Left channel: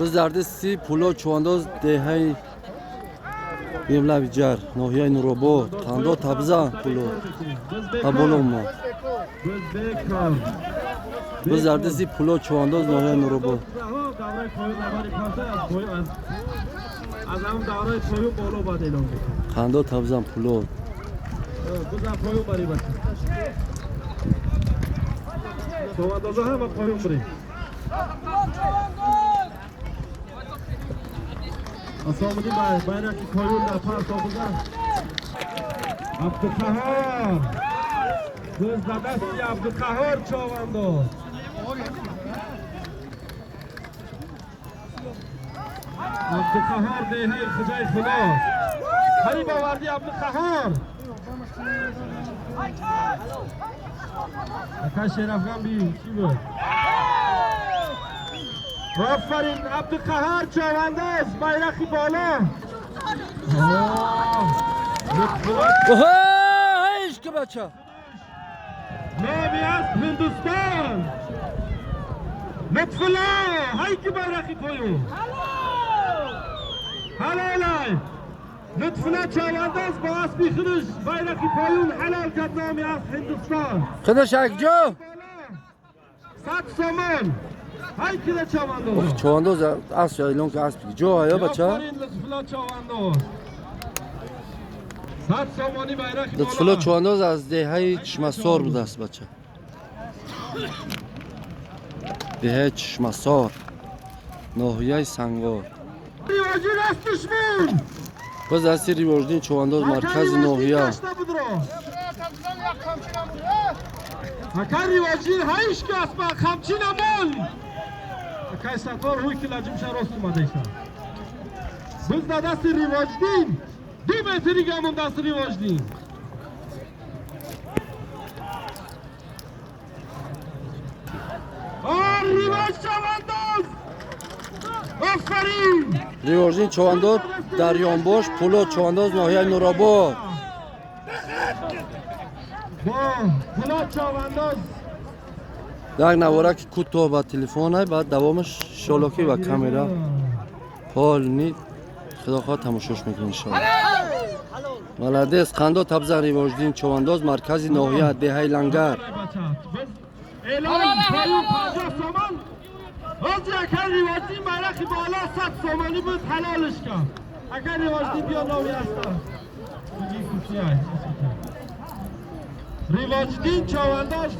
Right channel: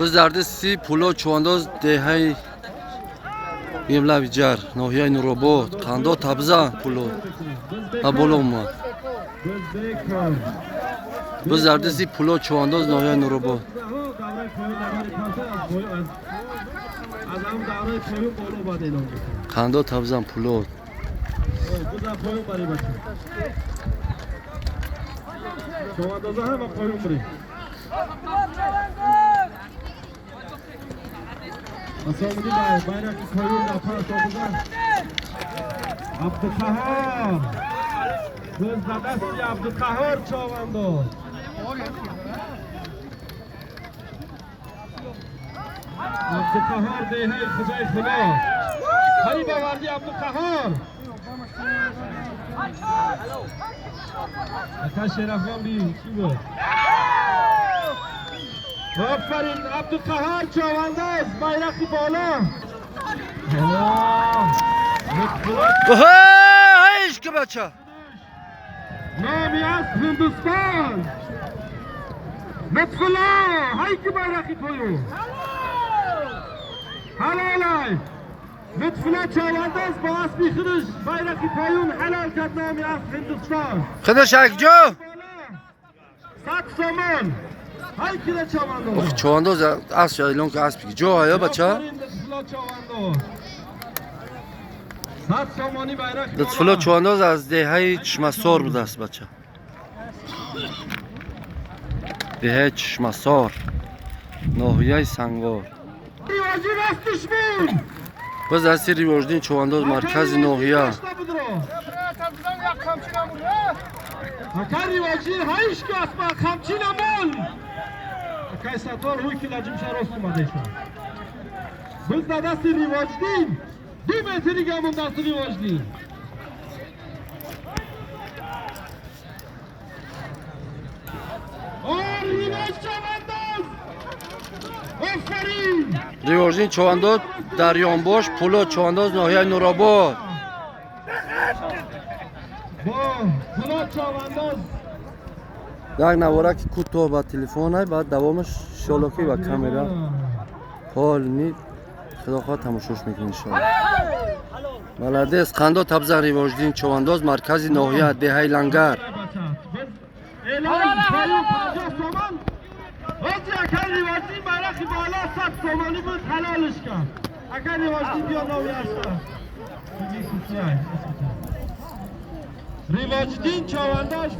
Biz dardisi pulo çuvandoz dehay yemla bicar nohiyay nurobot kando tabza pulo aboloma biz dardisi pulo çuvandoz nohiyay nurobot kando tabzan pulo çuvandoz'a hemen koyun buraya. Asamını bayrak koyun da par topuza. Abdülkahar. Gözde besti Abdülkahar çuvando. Abdülkahar deyhey Hücey Fılas. Hayır bavardi Abdülkahar. Akaş Şerafgan bir şey var. Aferin Abdülkahar çavandaz bayraklı bağla. Hey işki baça Namiyaz Hindistan. Lütfullah hayki bayraklı koyun. Halalay. Lütfullah çavandaz bağız bir kırış bayraklı koyun helal kat namiyaz Hindistan. Kıdış akjo Sat somon. Hayki de çavandaz. çuvandoz asya ilon ki aspik jo aya baça Aferin Lütfullah çavandaz. Sat somoni bayrak. lütfulo çuvandoz az dehay çişmasor budast baça dehay çişmasor nohiyay sangor Rivacı rast düşmün. biz dasti rivojdin çuvandoz markazi nohiya Hakan rivacı hayış ki asma kamçina mol. Hakan satvar huy ki lacım şaros kumadeysa. Biz da dasti rivajdin. 2 metri gamın dasti rivajdin. Rivaj çavandaz. Aferin. rivojdin çuvandoz daryonboş pulo çuvandoz nohiyay nurobot Pulo çavandaz. یک نوارک کوتاه با تلفن های بعد دوامش شالوکی و کامera پال نید خدا خواه تماشاش میکنی انشاءالله ملادس قندو تبزن ریواجدین چوانداز مرکزی ناحیه دهی لنگر Elan payı paja soman. Az yakar rivajin bayrakı bağla sat somani biz helal işka. Akar rivajin diyor navi asta. Bugün kuşiyay. Rivajin çavandaz.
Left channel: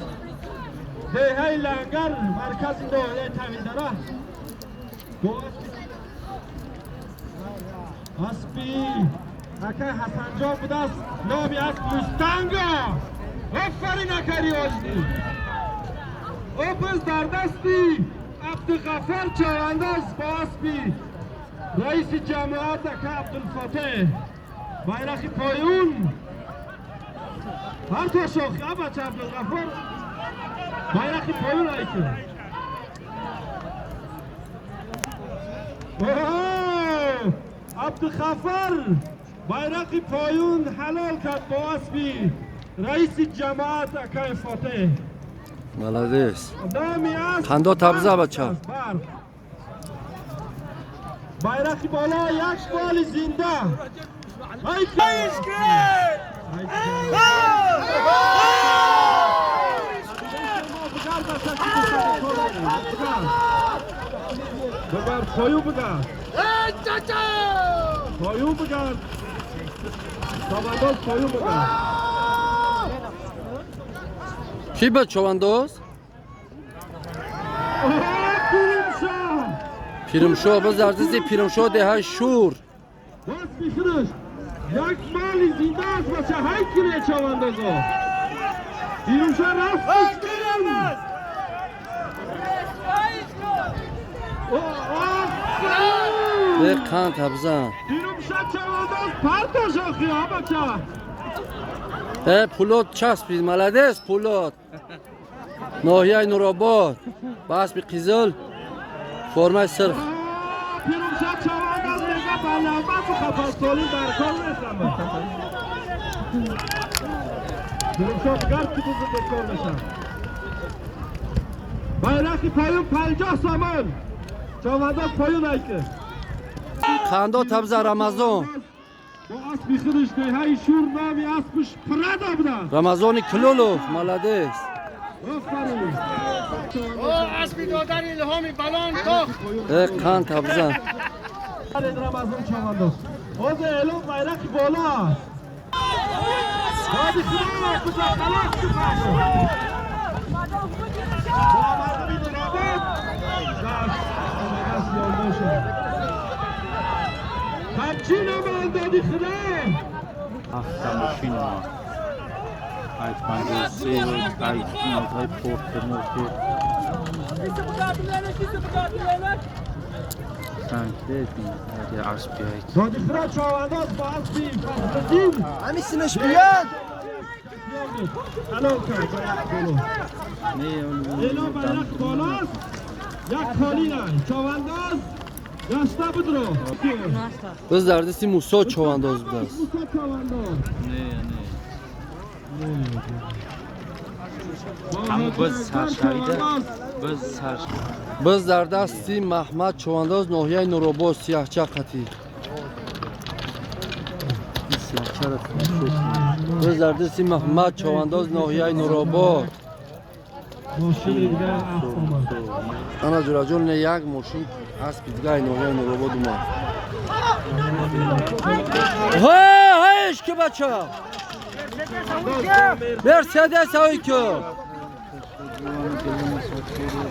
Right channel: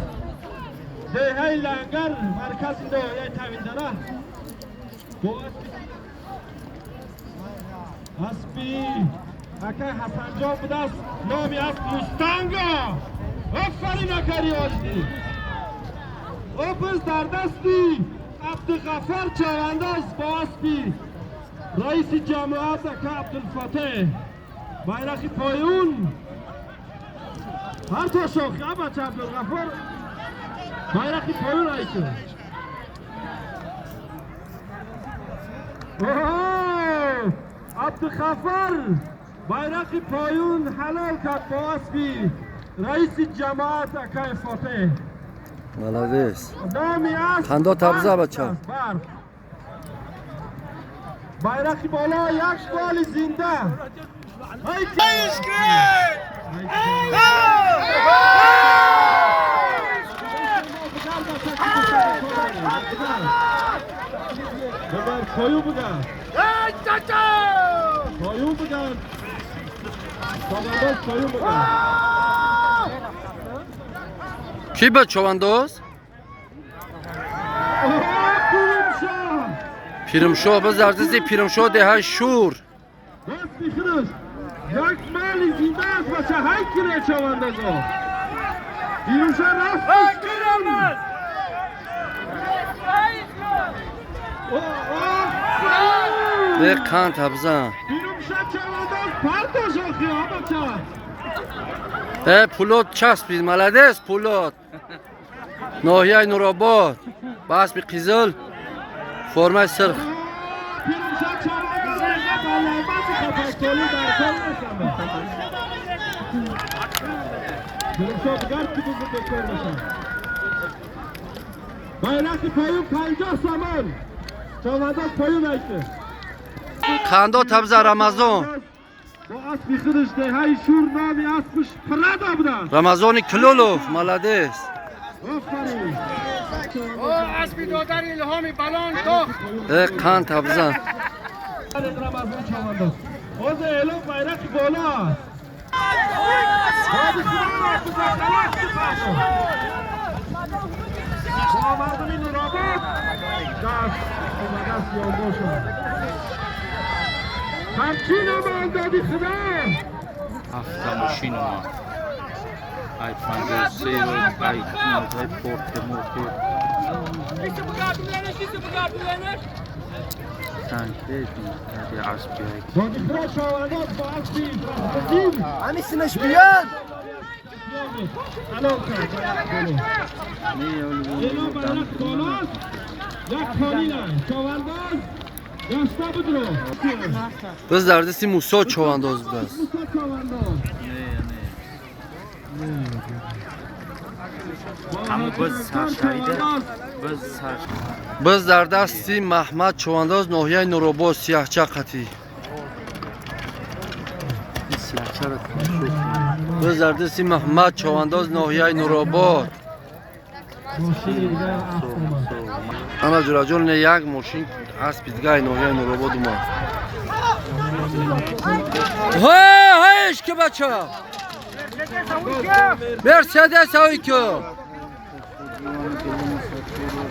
Dehay langar merkezinde ya tavildara. Bu aspi. Akar Hasanjo budas navi as Mustanga. Aferin akar rivajin. Opus dardasti Abdülgafar çavandaz baspi Reis-i Cemaat Aka Abdülfateh Bayrakı Poyun Harca şokya baca Abdülgafar Bayrakı Poyun ayki Abdülgafar Bayrakı Poyun halal kat baspi Reis-i Cemaat Aka Fateh ملادس خندا تبزه بچه bayrakı bola yak bali zinda Beber koyu bugar. Koyu bugar. Tavandoz koyu bugar. کی به چوانداز؟ Kurumşah. پیرمشو به زردزی پیرمشو دهی شور Bas bişiriz. Yak mali zinda az başa haykine çavandozu. Kurumşah rast kırım. به کن تبزن Kurumşah çavandoz parto şokya baça. به پولوت چسب بید ملادس پولوت ناحیه نورآباد بس به قیزل فرمه سرخ Kurumşah çavandoz neyse ballanmaz kapatolu darkol nesame. Kurumşah gar kutuzu bekor başa. Bayrakı payın 50 saman. چوانداز پایون ایکه خندو تبزه رمضان با اسبی خودش دهی شور نامی اسبش پرده بودن رمضان کلولوف ملادس آفرین اسبی دادن الهامی بلان تو خان تبزه رمضان چوانداز باز اعلام بیرق بالا است بادی خدا کجا خلاص بخشه مردمی نرابط همچین عمل دادی خدا هفته ماشین ما آیفون سه ای پخت موتی تنکه دیگه عرض بیایی دادی خدا چوانداز با اسبی فخردین همی سنش بیاد حلال کرد اینا بیرق بالاست یک کالی نه چوانداز یاسته بود رو بز دردستی موسا چوانداز بود است موسا چوانداز همه بز سرشریده بز سرشریده بز دردستی محمد چوانداز ناحیه نوروباد سیاهچه قطی این سیاهچه رو کنشوی بز دردستی محمد چوانداز ناحیه نوروباد ماشین دیگه افت آمد انا جراجون یک ماشین اسب دیگه ناحیه نوروباد اومد هایش که بچه مرسدس هایی که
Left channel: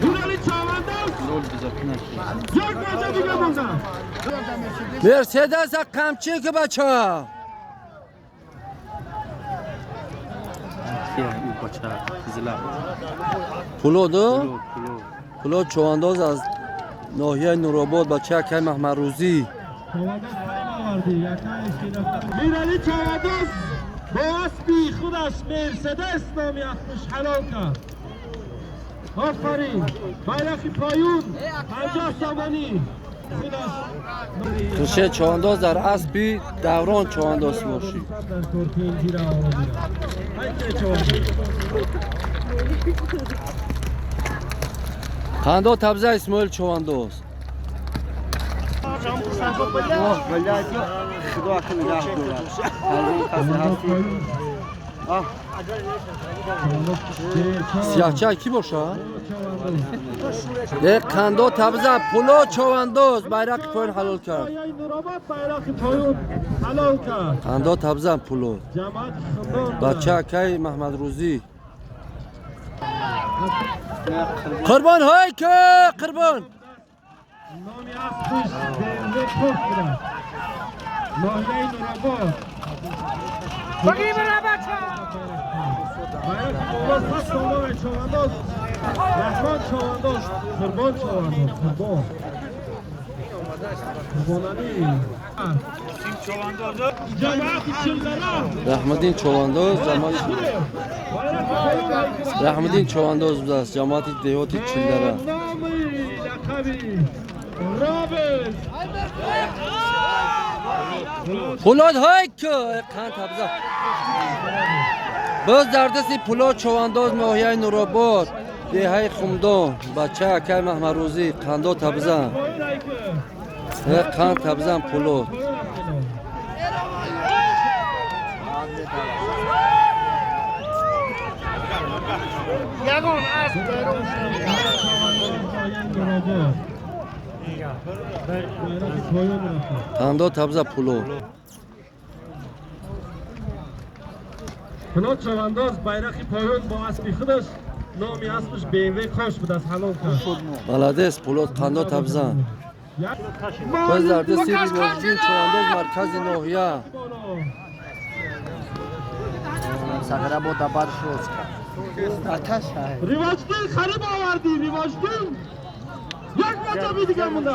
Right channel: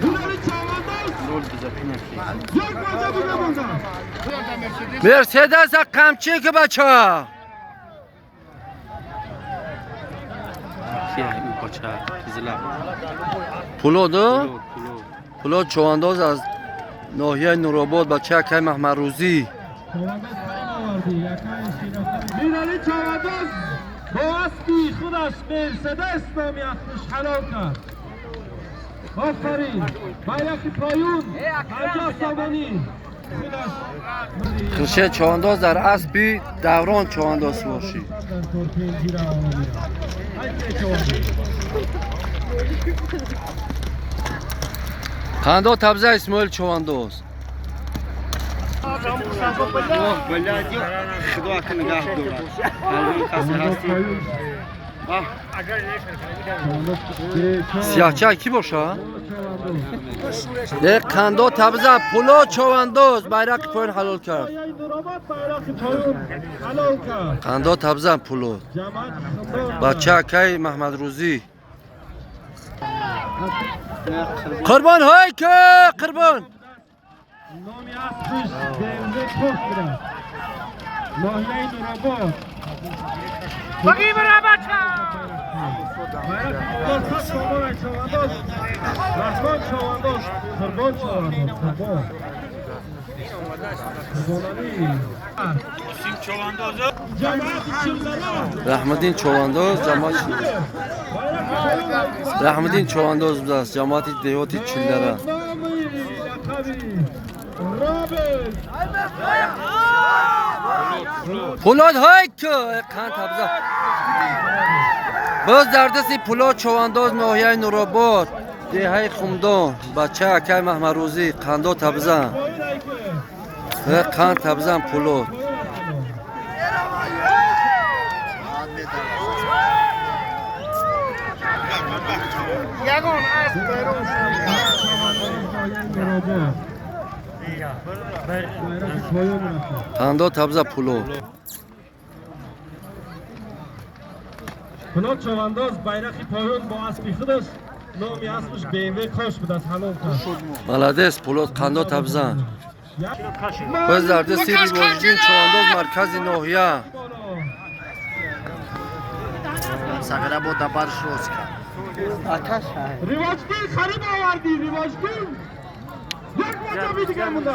بوداری چوانداز رول بزاکی نکی یک باجه دیگه موندن مرسدس قمچی که بچه کیه این بچه زلال پولو پلو پولو چوانداز از ناحیه نوروباد بچه که محمد روزی چوانداز خیلی آوردی میرانی چوانداز با اسبی خودش مرسدس نامی اسمش حلال کرد آفرین بیرقی پایون 50 سامانی خرشه چوانداز در اسبی دوران چوانداز باشی خنده تبزه اسماعیل چوانداز بلادیو خدا که نگاه دارد همون کسی هستی سیاهچه کی باشه؟ یک خنده تبزه پولو چوانداز بیرق پایین حلال کرد بیرقی پایون حلال کرد خنده تبزه پولو جماعت خندان بچه که محمد روزی قربان های که قربان نامی اسمش دنزه پخت بودن ناحیه نوراباد بگی برا بچه بیرقی سامان چوانداز رحمان چوانداز قربان چوانداز قربان قربانانی جماعت چلدره رحمدین چوانداز جماعت رحمدین چوانداز بود است جماعت دیوتی چلدره نامی لقبی رابط پولاد های که قند تبزه باز دردستی پولاد چوانداز ناحیه نوروباد دیهای خمدان بچه که محمد روزی قندا تبزه قند تبزه پولاد یگان اسب بیرون قندا تبزه پولاد پولاد چوانداز بیرقی پایون با اسبی خودش نامی اسمش BMW کاش بود از حلال کرد ملدس پولاد قندا تبزه باز دردستی ریواجدین چوانداز مرکز ناحیه سفره بود دبرش روز کرد ریواجدین خریب آوردی ریواجدین یک مطبی دیگه مونده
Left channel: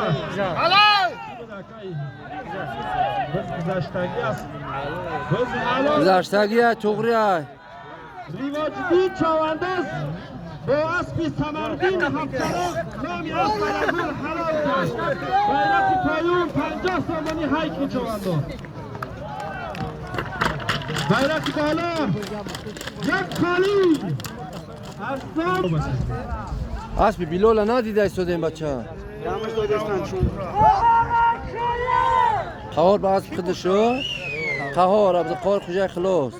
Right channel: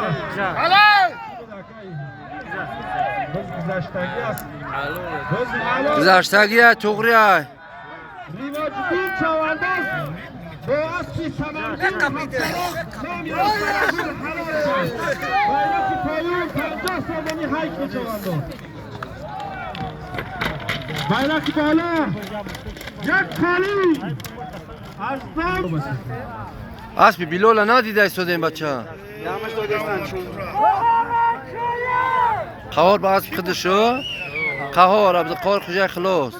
بس گذشتگی است بس حلال گذشتگی توغری های ریواجدین چوانداز با اسبی سمردین هفتراز نامی اسب برازور حلال کرد بیرقی پایون 50 سامانی حیک چوانداز بیرقی بالا یک کالی از نام اسبی بیلولا ندیده ایستاده این بچه قهار باز خودشو قهار ابد قهار خوجه خلاص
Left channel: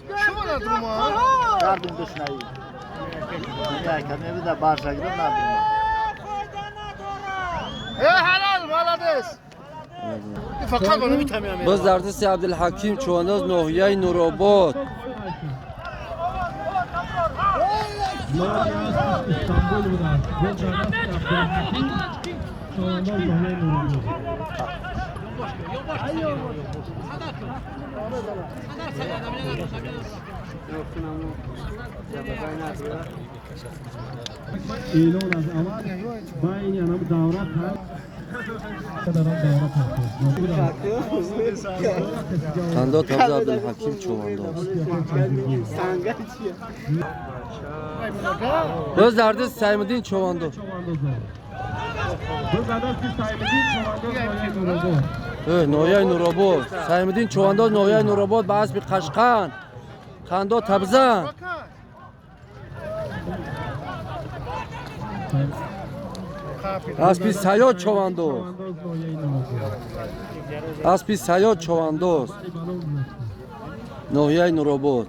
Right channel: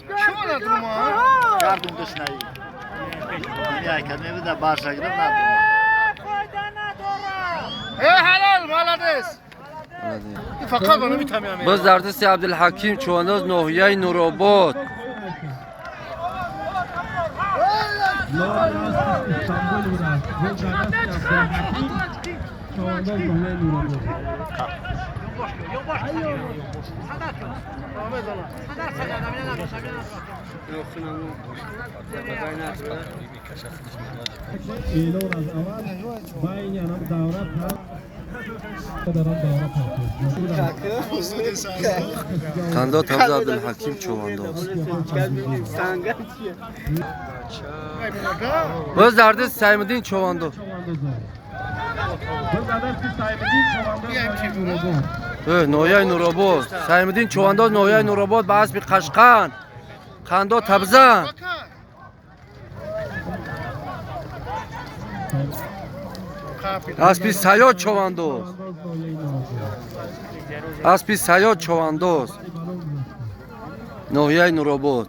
Yardım dışınayı. Dünya kendimi de başa girip ne yapayım? Fakat onu bitemeyeyim. باز در دست عبدالحکیم چوانداز ناحیه نورآباد İstanbul burada. خنده تبز عبدالحکیم چوانداز باز در دست سیمدین چوانداز ناحیه نورآباد سیمدین چوانداز ناحیه نورآباد به اسب قشقن خنده تبزن اسب سیاد چوانداز اسب سیاد چوانداز ناحیه نورآباد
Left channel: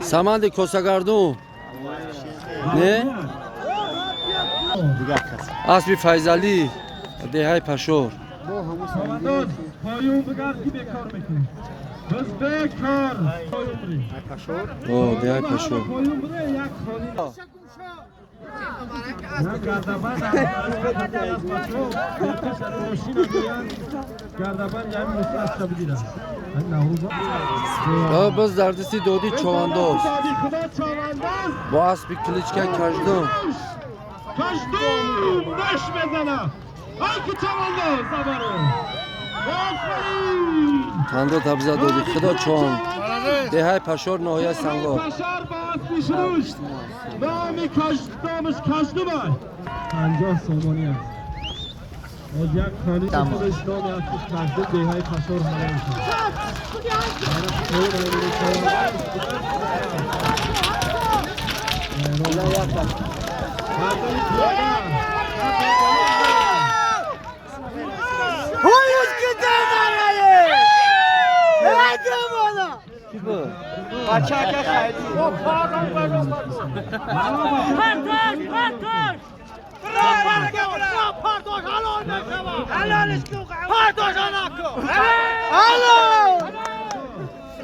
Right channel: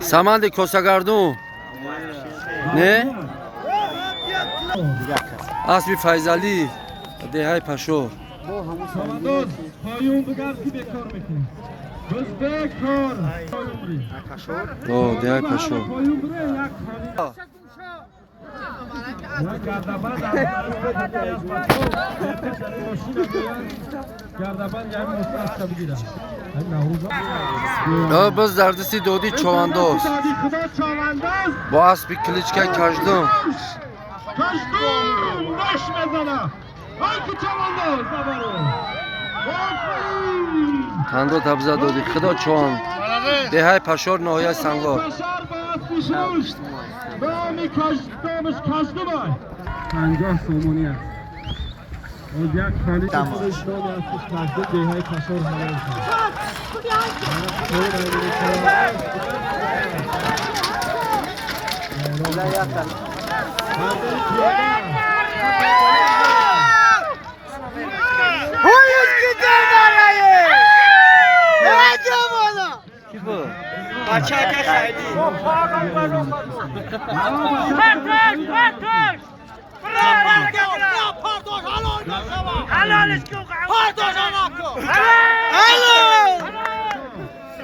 سمند کوسگردون نه اسب فیضعلی دهه پشور او دهه پشور باز در دستی دودی چوانداز با اسب کلیچکه کشدم باش بزنه های که چوانداز زباره خنده تبزه دودی خدا چوان دهه پشور ناحیه سنگار نامی دامش کشده بای 50 سامانی است از یک خالی که خودش نام افت کشده دهه پشور حلال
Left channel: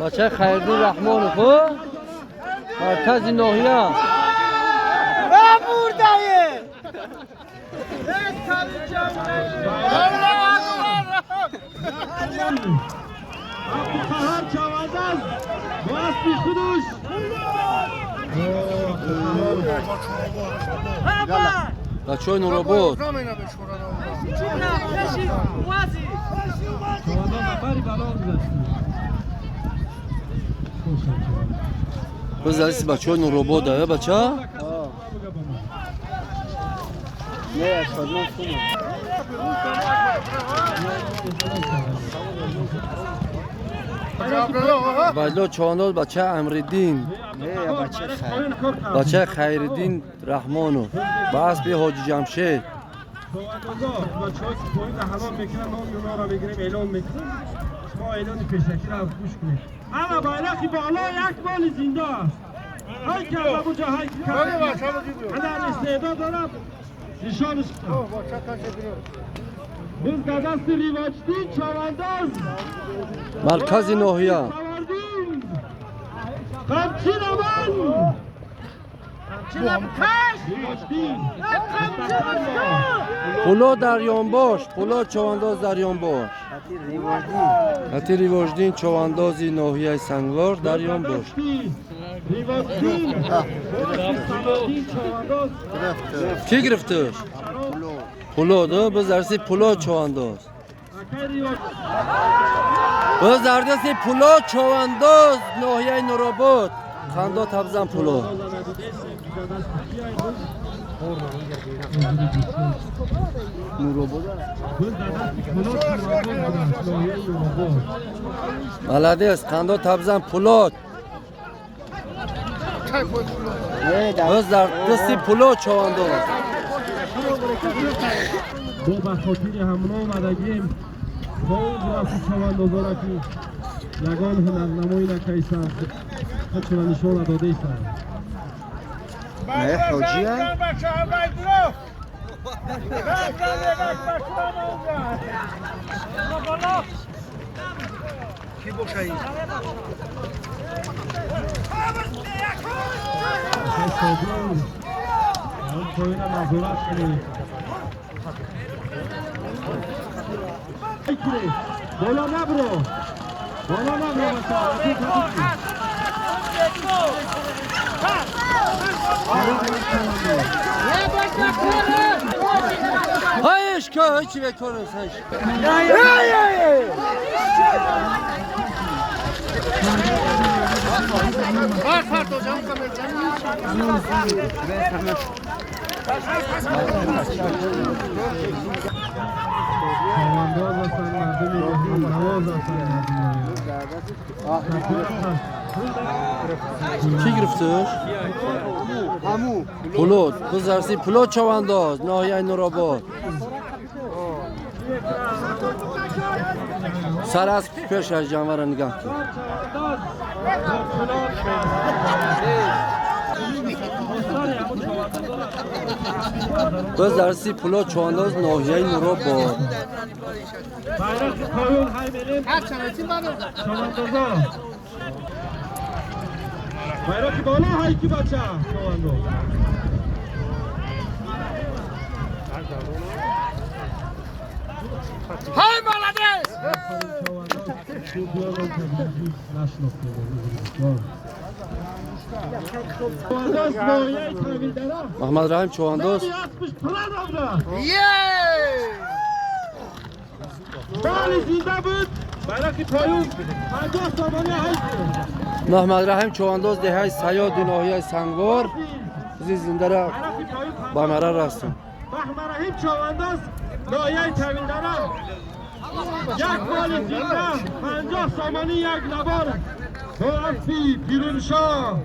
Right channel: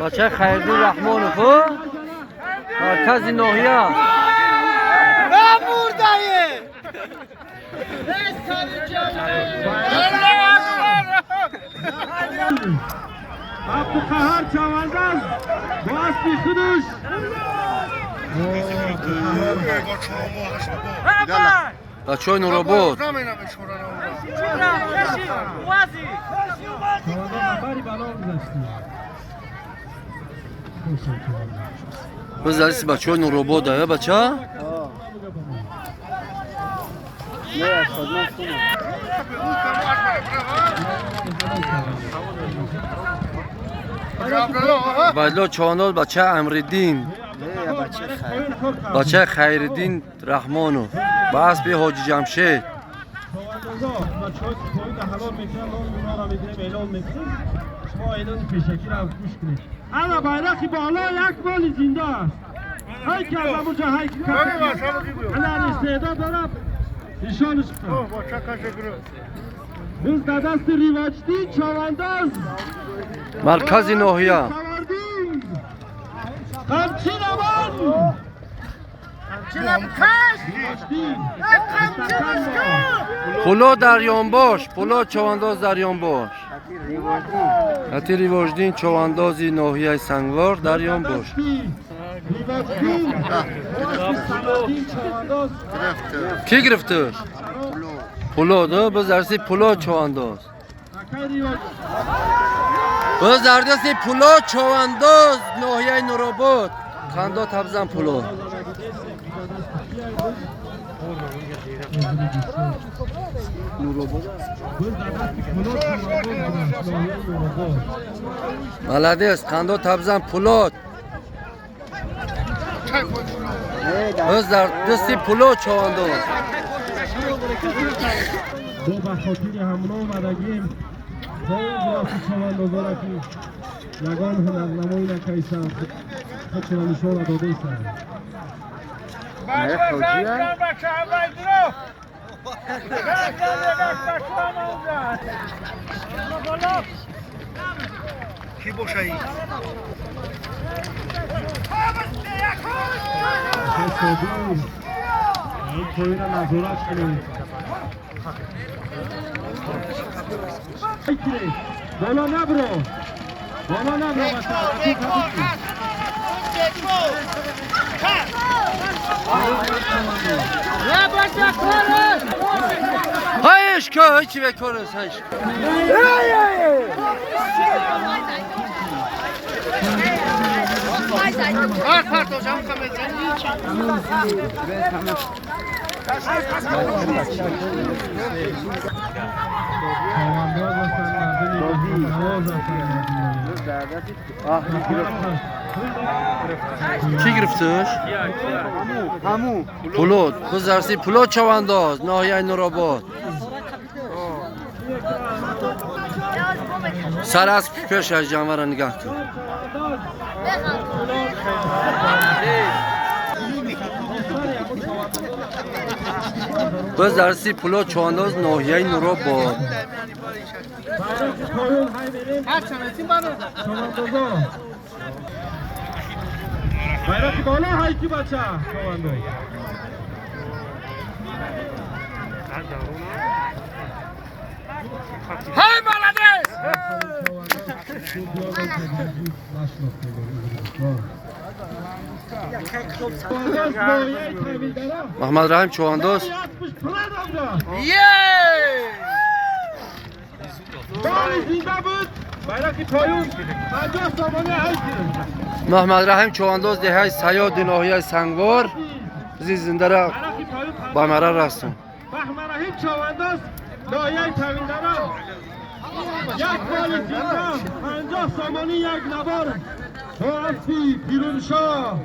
بچه خیردی رحمان خو مرکز ناحیه عبدالقهار چوانداز با اسبی خودش بچه های نورآباد چوانداز نبری بلا گذاشتی باز در دستی بچه های نورآباد داره بچه بایدلا چوانداز بچه امردین بچه خیردین رحمانو با اسب حاجی جمشید ما اعلان پیشکی را گوش کنید اما bayrak بالا یک مال زنده است های که ابوجا های که الان استعداد دارم نشانش biz در دست ریواجدین چوانداز مرکز ناحیه قمچین امان پولو دریان باش پولو چوانداز دریان باش حتی ریواجدین چواندازی ناحیه سنگوار دریان باش کی گرفته؟ پولو ده باز درستی پولو چوانداز باز در دستی پولو چوانداز ناحیه نورآباد خنده تبزن پولو بلده است خنده تبزن پولو Biz در دستی پلو چوانداز. با بخاطر همون آمدگیم با اون رفت چواندازا را که یگان هنرنمایی نکیسم خودشون نشان داده ایستن. نه حاجی کی باشایی این کوین نظرت کنید بلا نبره بلا نبره هایش که هیچی بکنه هایش. چوانداز هستن مردمی به نواز هستن کی گرفتش؟ همو پلو. biz درسی پلو چوانداز ناحیه نورآباد. سر از پیش از جانور نگاه کن. biz درسی پلو چوانداز ناحیه نورآباد. bayrak بالا های کی بچه چوانداز Hey молодец! محمد رحیم چوانداز. بالی زنده بود bayrak پایون 50 سامانه هیچ محمد رحیم چوانداز دهه سیاد ناحیه سنگوار. زنده را با مرا رسون. محمد رحیم چوانداز ناحیه تاویندرا یک بال زنده 50 سامانه یک نبار حافظی پیرونشاه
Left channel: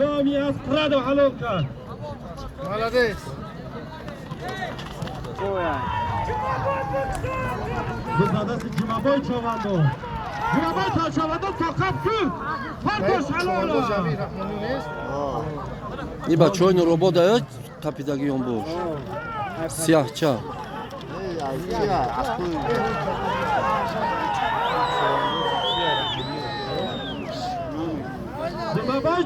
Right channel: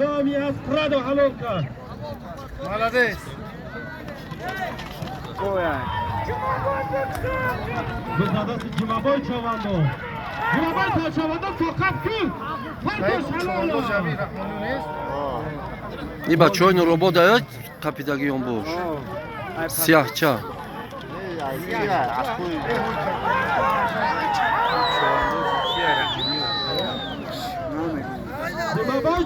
نامی از پرد و حلال کرد بزدست جمعبای چوانداز جمعبای تا چوانداز توقف کن پرداش حلالا این بچه های نورآباد های قپیدگی هم باش. سیاه چه جمعبای